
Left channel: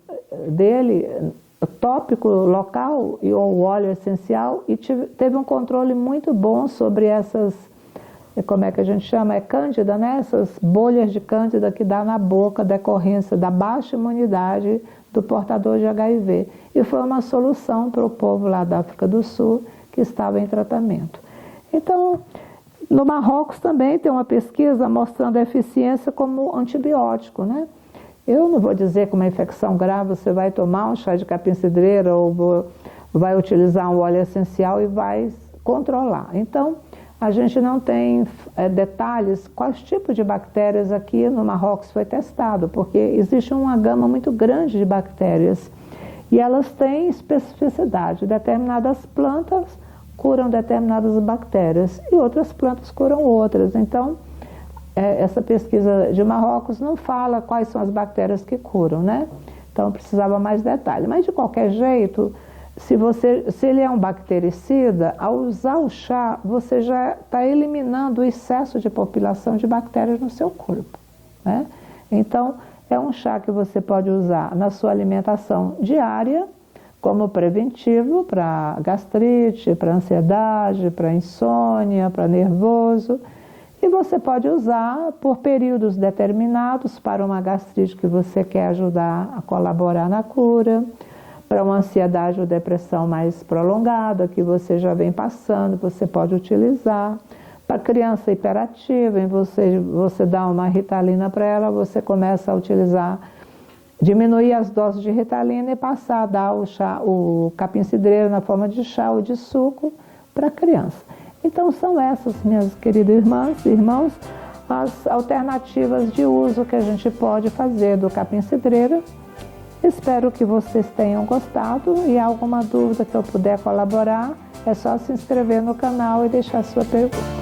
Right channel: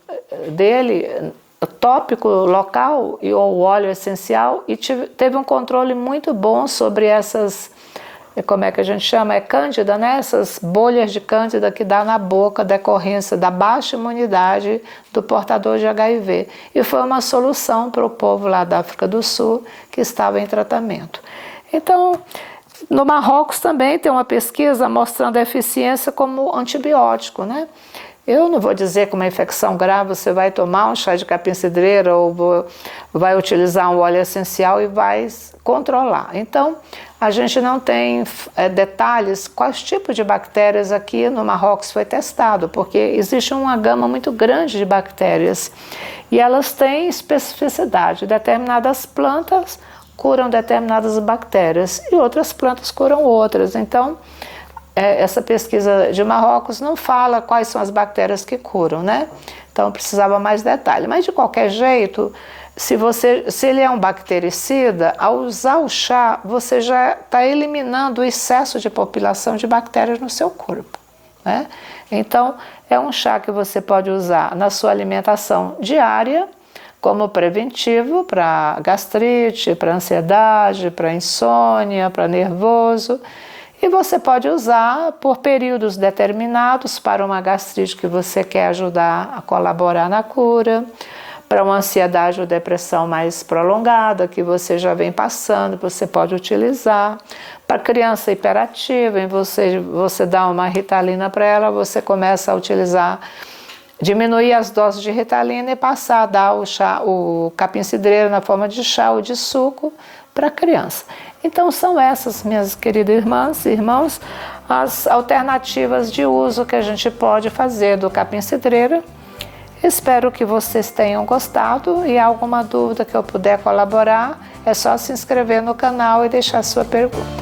dele tópico local ou óleo essencial e teve um controle muito bom sobre essas, como é que a gente chama? É cândida, né? Essas bolhas de cândida que dá na boca, decorrência da baixa imunidade do portador de HIV. E foi uma solução para o povo lá da África do Sul que estava em tratamento. Então, no Marrocos também tem uma pesquisa mostrando a eficiência como antibiótico, né? Eu não vou dizer que uma infecção grave você vai tomar um chá de capim-cidreira ou vai utilizar um óleo essencial e vai controlar. Então, a gente não tem detalhes quais tipos de bactérias aqui no Marrocos foi testado, porque existe uma gama muito grande de bactérias e elas têm especificidade. Determinadas plantas curam determinadas bactérias e outras plantas curam outras. Então, essa pesquisa de Marrocos não fala quais são as bactérias que curam, né? Então precisava mais detalhe. Mas de qualquer jeito, se ele é um bactericida, ao usar o chá, você já está eliminando o excesso de população de bactérias no seu corpo, né? Então, é um chá que você pode usar na sua alimentação diária, como preventivo para gastrite, para ansiedade, para insônia, para nervoso. E você pode usar por períodos determinados para uma gastrite que você quer ajudar a colaborar na cura, para uma ansiedade ou depressão mais prolongada que você já vem passando, você pode utilizar. Para criança hiperativa, você dá uma Ritalina para ela, você começa a utilizar, diminuir as doses de Ritalina e passar a dar o capim-cidreira na forma de chá ou de suco para a criança. Então são essas, minhas queridas irmãs e irmãos, as alternativas de uso que a gente pode fazer do capim-cidreira. Espero que vocês tenham gostado e alguma dúvida que eu puder colaborar, é só se inscrever no canal e deixar sua pergunta.